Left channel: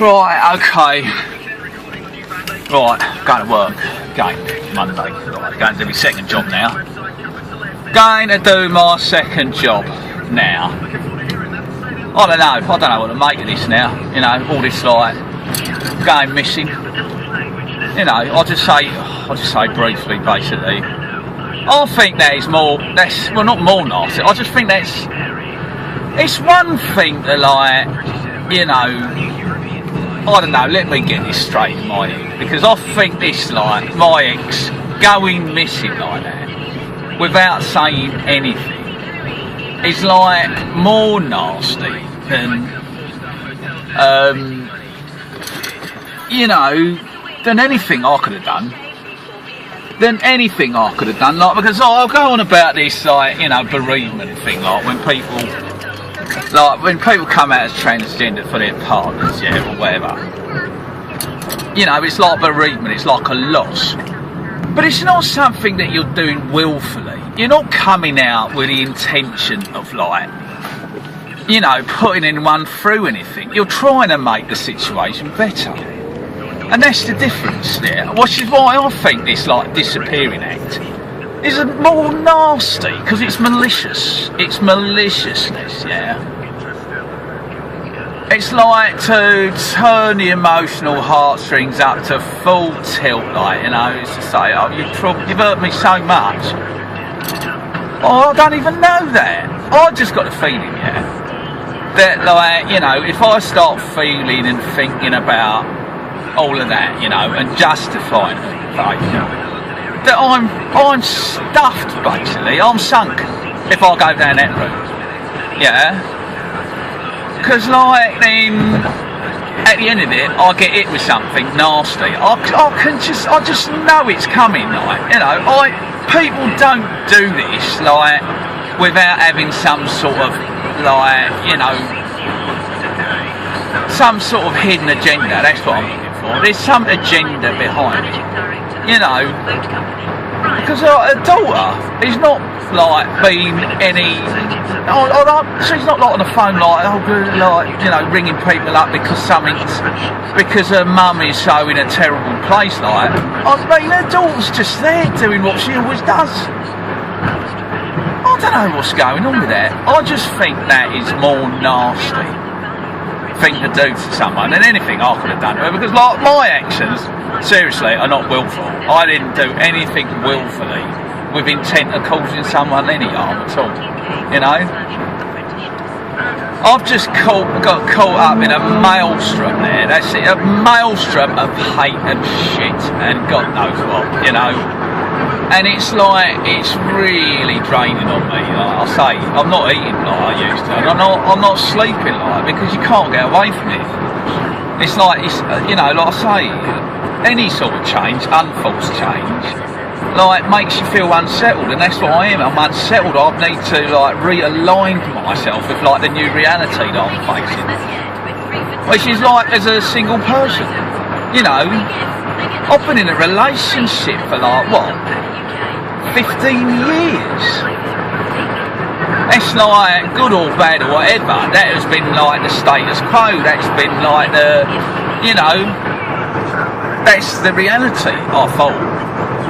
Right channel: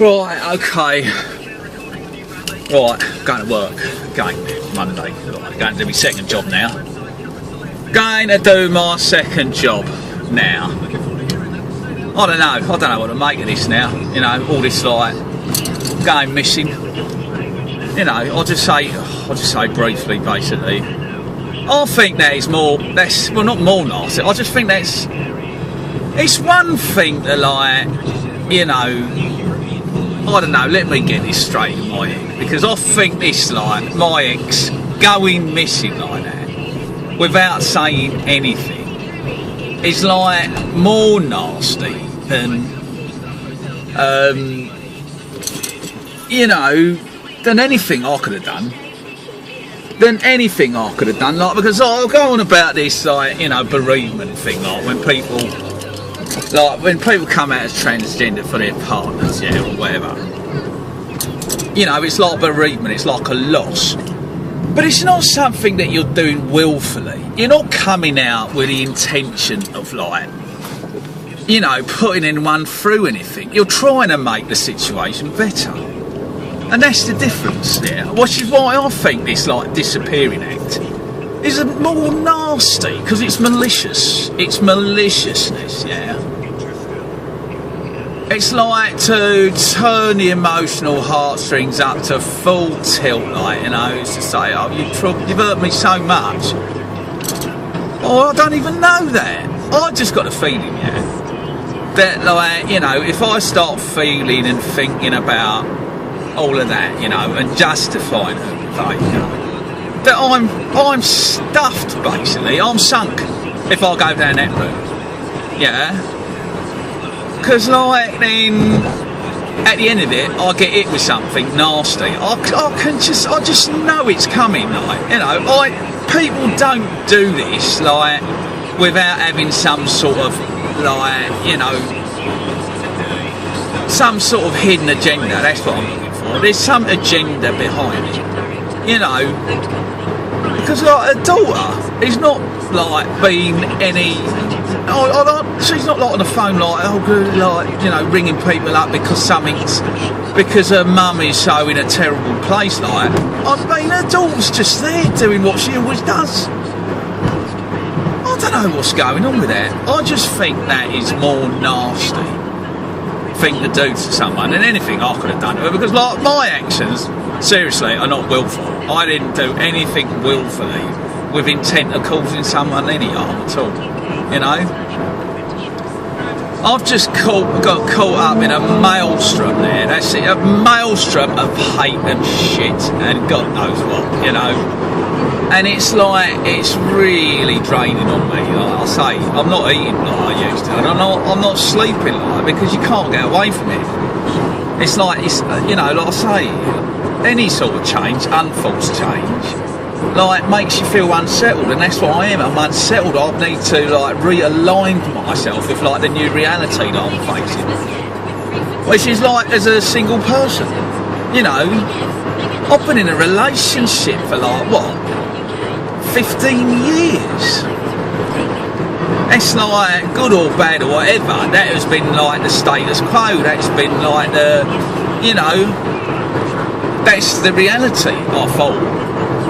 Right, okay. Right, going to work. Going Monday. Right, going to do my second job now. Going to do my second job now. I don't know what to make of this now. You know, all this like going missing. You know, I'll just say briefly, basically. I think that is well, not more nasty. I just think it's one thing to like, you know, I don't know, let me get this straight in my head, because I think this, like, my ex going missing like that without saying anything is like more nasty than you know, than anything I could have done. Like, because I'll go on about this, like, you know, bereavement thing, like when people come out as transgender for their partners, yeah, or whatever. You know, it's like bereavement, it's like a loss. But it's not something that you're doing willfully. You're not coming out with the intention of, like, you know, putting anyone through anything. You're trying to make the situation better. And that's the difference there, which is why I think this, like, disappearing act is more nasty, because it's malicious. It's maliciousness, yeah. It's like to turn the emotional heartstrings up to full tilt, like, you know, it's to say, oh, you've hurt me so much. Oh, I don't even know that. I just got a feeling, yeah, that, like, you know, if I start feeling and thinking about all of that, you know, and justifying it, like, you know, that I'm stuffed, basically. I'm sunk if I go down that route, yeah. Because, like, then at the end of it, I get hit with something nasty. I just know it's coming, like, you know. People don't do this, like, without having some sort of, like, you know, some sort of hidden agenda. That's what I'm looking for. There's some agenda behind it, you know. Because, like, a daughter is not, like, being any... she's not, like, on the phone, like, oh, good, like, you know, ringing people up because her mum is so in a terrible place, like. I mean, her daughter's just there doing what she always does. I don't know what's going on with that. I just think that is more nasty thing to do to someone than anything I could have done to her, because, like, my actions, seriously, are not willful. I didn't do anything willfully with intent of causing someone any harm at all, you know. I've just got caught up in a maelstrom there, that's it, a maelstrom of hate and shit and God knows what, you know. And it's like, it's really draining on me, like I say. I'm not eating like I used to, and I'm not sleeping like, because you can't get away from it. It's like, it's, you know, like I say, any sort of change, unforced change, like, makes you feel unsettled, and that's what I am. I'm unsettled. I need to, like, realign myself with, like, the new reality that I'm facing, which is, like, as a single person, you know. I've been in a relationship for, like, what, 15 years. It's like, good or bad or whatever, that has been, like, the status quo. That's been, like, the, you know, that's the reality, I thought,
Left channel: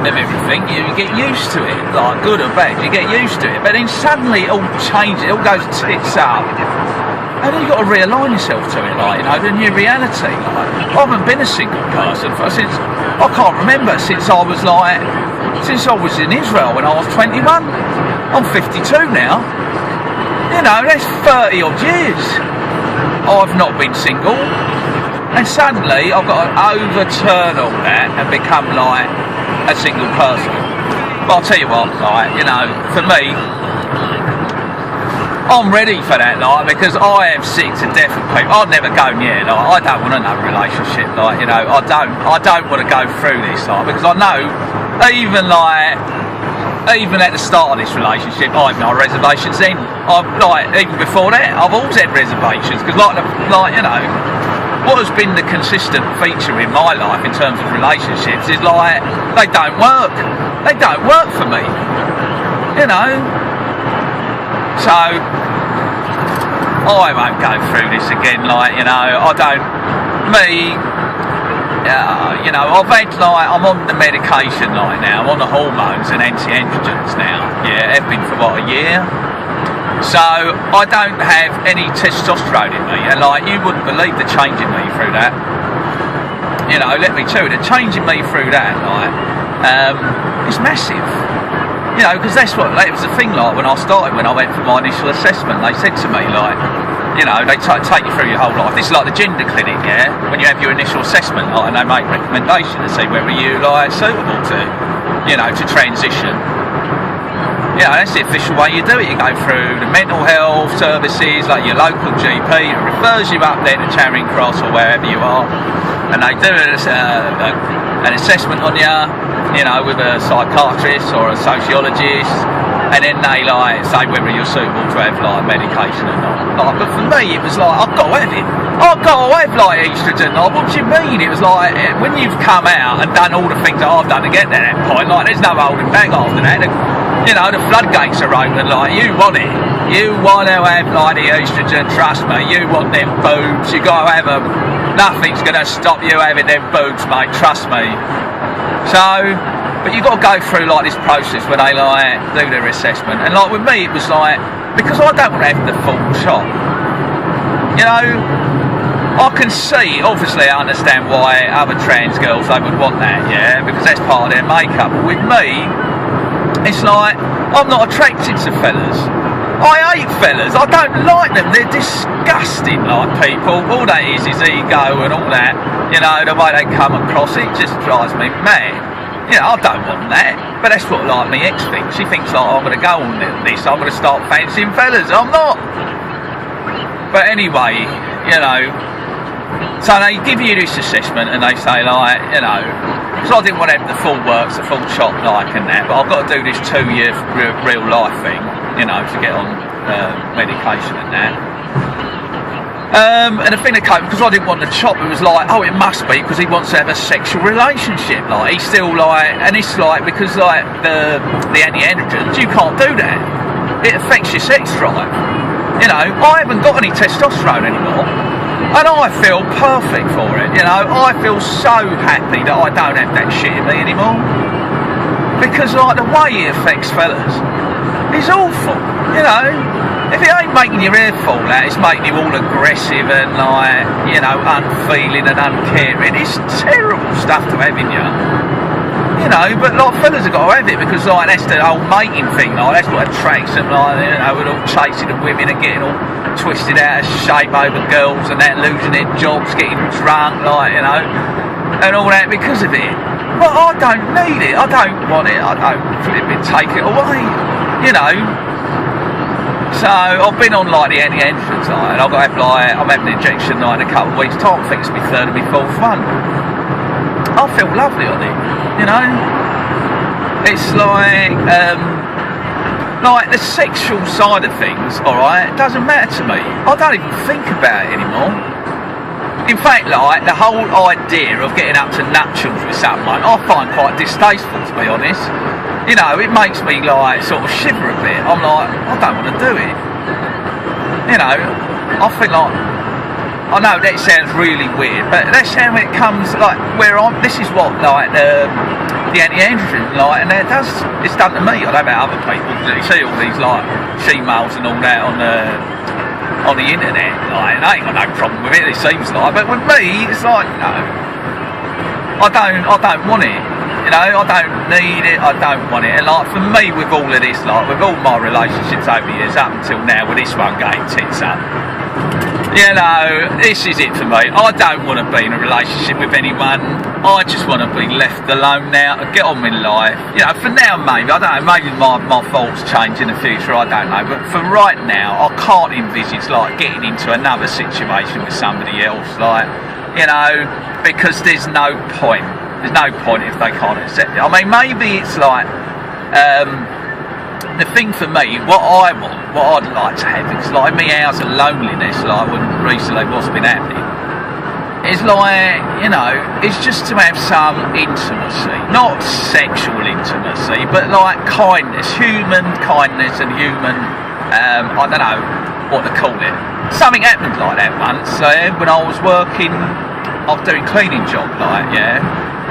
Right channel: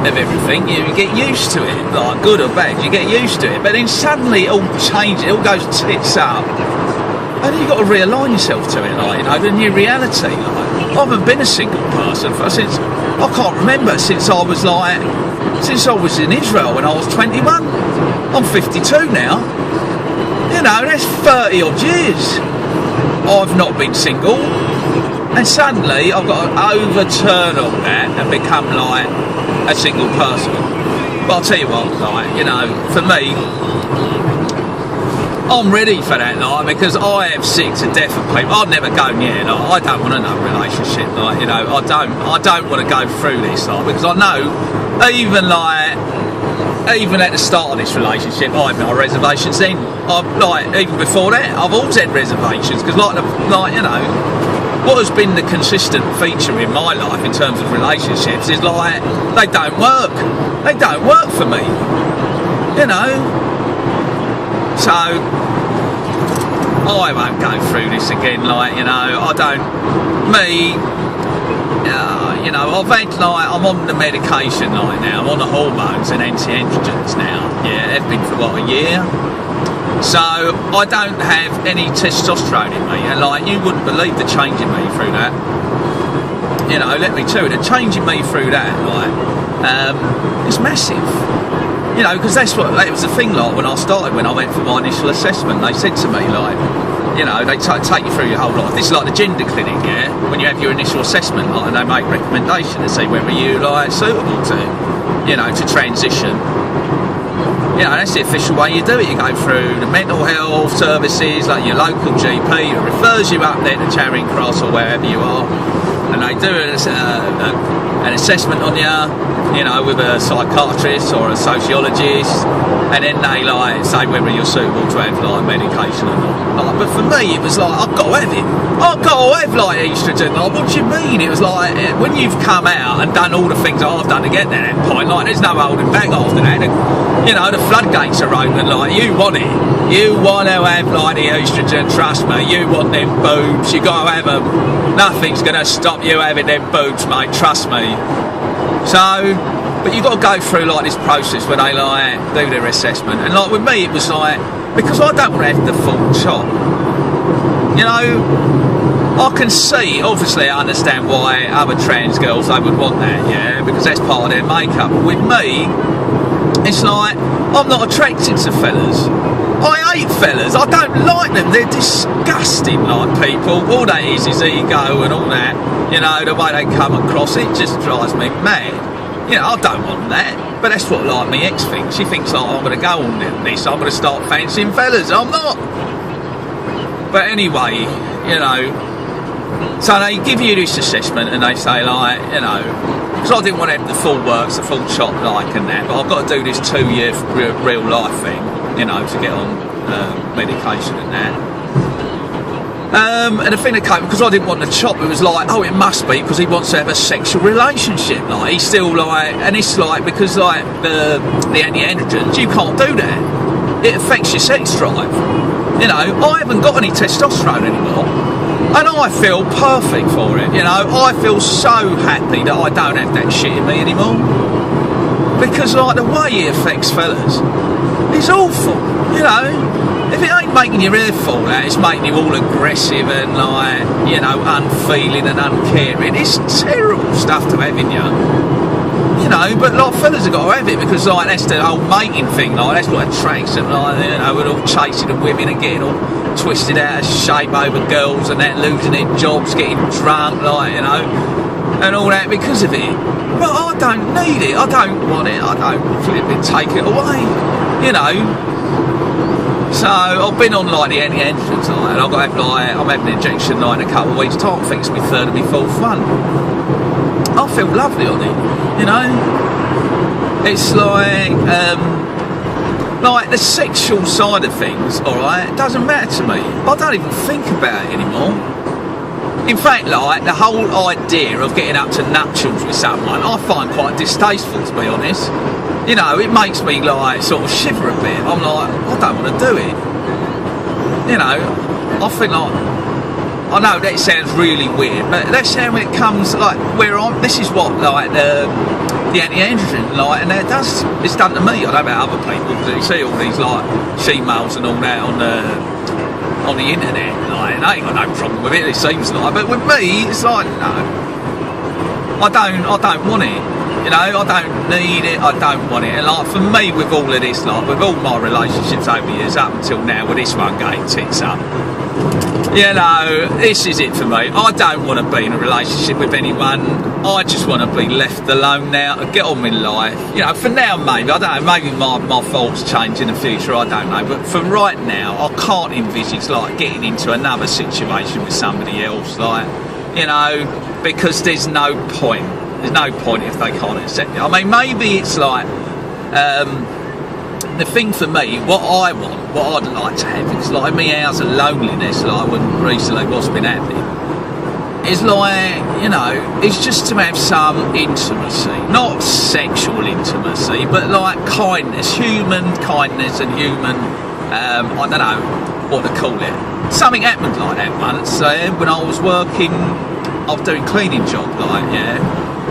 of everything. You get used to it, like, good or bad, you get used to it. But then suddenly it all changes, it all goes tits up, and then you've got to realign yourself to it, like, you know, the new reality. Like, I haven't been a single person since, I can't remember, since I was in Israel when I was 21. I'm 52 now. You know, that's 30 odd years I've not been single. And suddenly I've got to overturn all that and become, like, a single person. But I'll tell you what, like, you know, for me, I'm ready for that, like, because I am sick to death of people. I'd never go near, like, I don't want another relationship, like, you know, I don't want to go through this, like, because I know, even at the start of this relationship, I've no reservations then. Even before that, I've always had reservations, because, like, you know, what has been the consistent feature in my life in terms of relationships is, like, they don't work. They don't work for me, you know. So I won't go through this again, like, you know, I don't me, you know, I've had like, I'm on the medication like now, I'm on the hormones and anti-androgens now. Yeah, I've been for what, a year? So I don't have any testosterone in me, and like, you wouldn't believe the change in me through that. You know, let me tell you, the change in me through that, like, it's massive. You know, because that's what, it was the thing, like, when I started, when I went for my initial assessment, they said to me, like, you know, they take you through your whole life. This is like the gender clinic, yeah? When you have your initial assessment, like, and they make recommendations to see whether you, like, suitable to, you know, to transition. You know, that's the official way you do it. You go through the mental health services, like your local GP, that refers you up there to Charing Cross or wherever you are, and they do an assessment on you know, with a psychiatrist or a sociologist, and then they like say whether you're suitable to have like medication or not. Like, but for me, it was like, I've got to have it. I've got to have like estrogen. Like, what do you mean? It was like, when you've come out and done all the things that I've done to get to that point, like, there's no holding back after that. You know, the floodgates are open. Like, you want it. You want to have like the estrogen. Trust me. You want them boobs. You got to have them. Nothing's going to stop you having them boobs, mate. Trust me. So, but you've got to go through like this process where they like do their assessment, and like with me, it was like, because I don't have the full chop. You know, I can see, obviously, I understand why other trans girls, they would want that, yeah, because that's part of their makeup. But with me, it's like, I'm not attracted to fellas. I hate fellas. I don't like them. They're disgusting, like, people. All that is ego and all that. You know, the way they come across, it just drives me mad. You know, I don't want that. But that's what, like, my ex thinks. She thinks, like, I'm going to go on this. I'm going to start fancying fellas. I'm not. But anyway, you know, so they give you this assessment and they say, like, you know, because I didn't want to have the full works, the full chop, like, and that, but I've got to do this 2-year real life thing, you know, to get on medication and that. And the thing that came, because I didn't want the chop, it was like, oh, it must be because he wants to have a sexual relationship. Like, he's still like, and it's like, because like the anti-androgens, you can't do that. It affects your sex drive. You know, I haven't got any testosterone anymore, and I feel perfect for it. You know, I feel so happy that I don't have that shit in me anymore, because like the way it affects fellas is awful. You know, if it ain't making your hair fall out, it's making you all aggressive and like, you know, unfeeling and uncaring. It's terrible stuff to have in you. You know, but like fellas have got to have it because like that's the whole mating thing, like that's what attracts them, like, you know, we're all chasing the women and getting all twisted out of shape over girls and that, losing their jobs, getting drunk, like, you know, and all that because of it. But I don't need it, I don't want it, I don't flip it, take it away, you know. So I've been on like the anti-androgens, like, and I've got to have like, I'm having an injection like in a couple of weeks' time. I think it's my third and my fourth one. I feel lovely on it, you know. It's like the sexual side of things, alright, it doesn't matter to me. I don't even think about it anymore. In fact, like, the whole idea of getting up to nuptials with someone, I find quite distasteful, to be honest. You know, it makes me like sort of shiver a bit. I'm like, I don't want to do it. You know, I think like, I know that sounds really weird, but that's how it comes, like, this is what, like, the anti-androgen, like, and it's done to me. I don't know about other people, because you see all these, like, she-males and all that on the internet, like, and I ain't got no problem with it seems like, but with me, it's like, no, I don't want it. You know, I don't need it, I don't want it. And like, for me, with all of this, like, with all my relationships over the years, up until now, with this one getting tits up, you know, this is it for me. I don't want to be in a relationship with anyone. I just want to be left alone now to get on with life. You know, for now, maybe, I don't know, maybe my thoughts change in the future, I don't know. But for right now, I can't envisage, like, getting into another situation with somebody else, like, you know, because there's no point. There's no point if they can't accept it. I mean, maybe it's like, the thing for me, what I want, what I'd like to have, because like me hours of loneliness, like when recently wasn't been happy, is like, you know, it's just to have some intimacy, not sexual intimacy, but like kindness, human kindness and human, I don't know what to call it. Something happened like that once, when I was working I was doing cleaning job, like, yeah.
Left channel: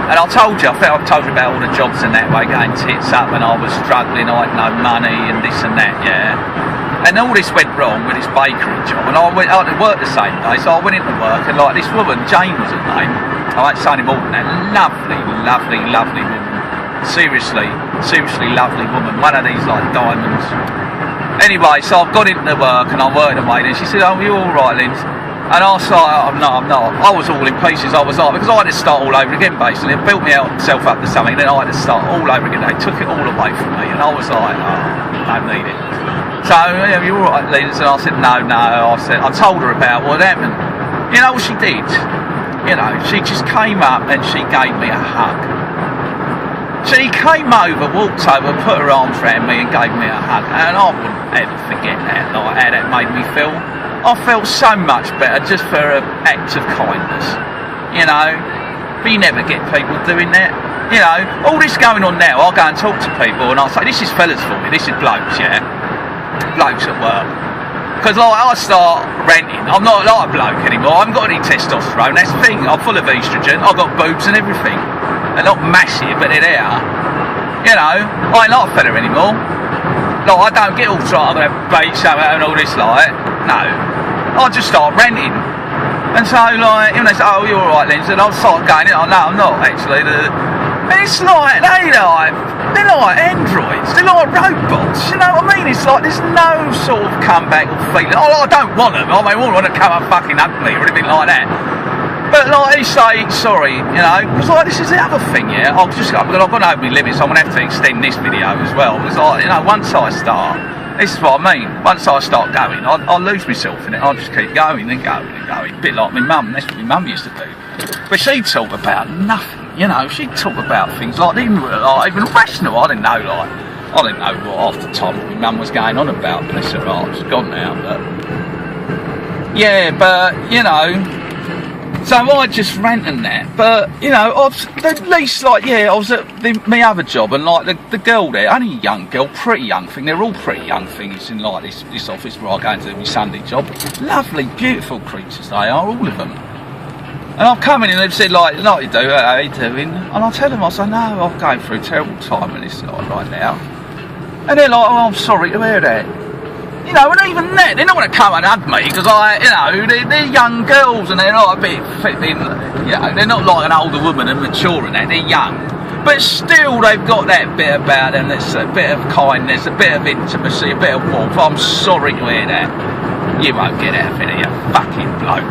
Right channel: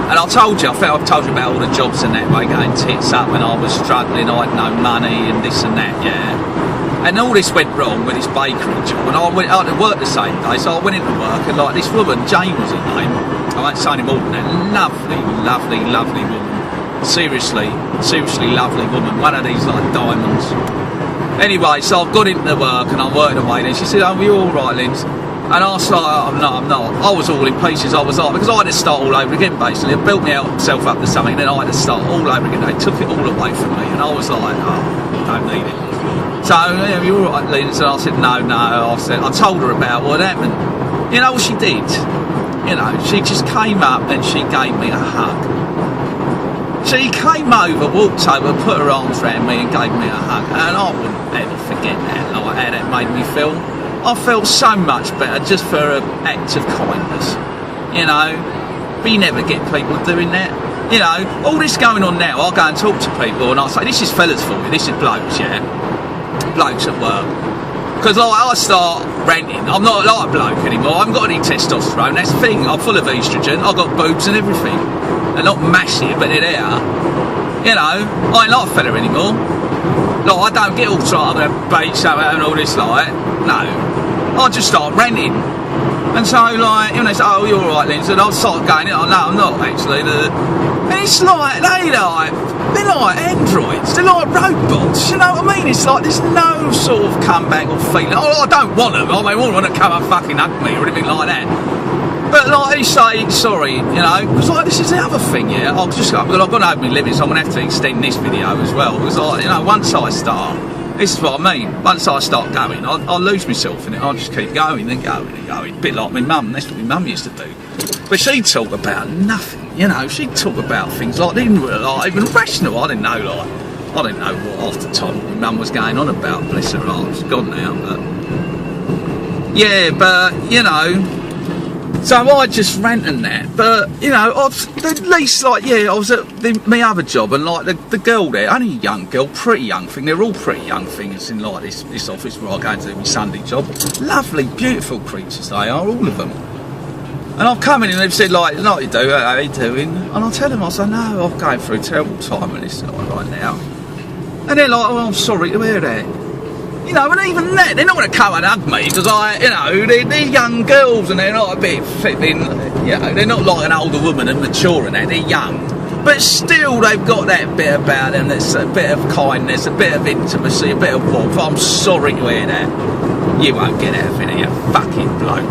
And I told you, I think I've told you about all the jobs and that, like getting tits up when I was struggling, I had no money and this and that, yeah. And all this went wrong with this bakery job, and I went out to work the same day, so I went into work, and like this woman, Jane was her name, I won't say any more than that, lovely, lovely, lovely woman, seriously lovely woman, one of these like diamonds. Anyway, so I've got into work and I'm working away there. She said, "Oh, you all right, Linz?" And I was like, "Oh, no, I'm not." I was all in pieces. I was like, because I had to start all over again, basically. I built myself up to something, and then I had to start all over again. They took it all away from me, and I was like, "Oh, I don't need it." So, "Yeah, you all right, Linz?" And I said, No. I told her about what happened. You know what she did? You know, she just came up and she gave me a hug. She came over, walked over, put her arms around me and gave me a hug, and I wouldn't ever forget that, like how that made me feel. I felt so much better just for an act of kindness, you know. But you never get people doing that, you know. All this going on now, I'll go and talk to people and I'll say, this is fellas for me, this is blokes, yeah, blokes at work. Because like, I start ranting, I'm not like a bloke anymore, I haven't got any testosterone, that's the thing, I'm full of estrogen, I've got boobs and everything. They're not massive, but they're there. You know, I ain't like a fella anymore. Like, I don't get all like, I'm going to beat something and all this, like, no. I just start ranting. And so, like, when they say, "Oh, you're alright, Linz," and I'll start going, "Oh, no, I'm not, actually." And it's like, they're like androids, they're like robots, you know what I mean? It's like, there's no sort of comeback or feeling. I don't want them, I mean, I want to come and fucking hug me or anything like that. But like they say, sorry, you know, it's like, this is the other thing, yeah. I've gone over my limits, so I'm going to have to extend this video as well. It's like, you know, once I start, this is what I mean, once I start going, I'll lose myself in it, I'll just keep going and going and going. A bit like my mum, that's what my mum used to do. But she'd talk about nothing, you know, she'd talk about things like, even rational, I didn't know what half the time my mum was going on about, bless her heart, she's gone now, but... Yeah, but, you know... So I just ranting that, but you know, at least like, yeah, I was at my other job, and like the girl there, only a young girl, pretty young thing. They're all pretty young things in like this office where I go and do my Sunday job. Lovely, beautiful creatures they are, all of them. And I've come in and they've said like you do, how are you doing? And I tell them, I say, no, I'm going through a terrible time with this right now. And they're like, oh, I'm sorry to hear that. You know, and even that, they're not going to come and hug me because they're young girls and they're not a bit fitting, you know, they're not like an older woman and mature and that, they're young. But still, they've got that bit about them, there's a bit of kindness, a bit of intimacy, a bit of warmth. I'm sorry to hear that. You won't get out of it, you fucking bloke.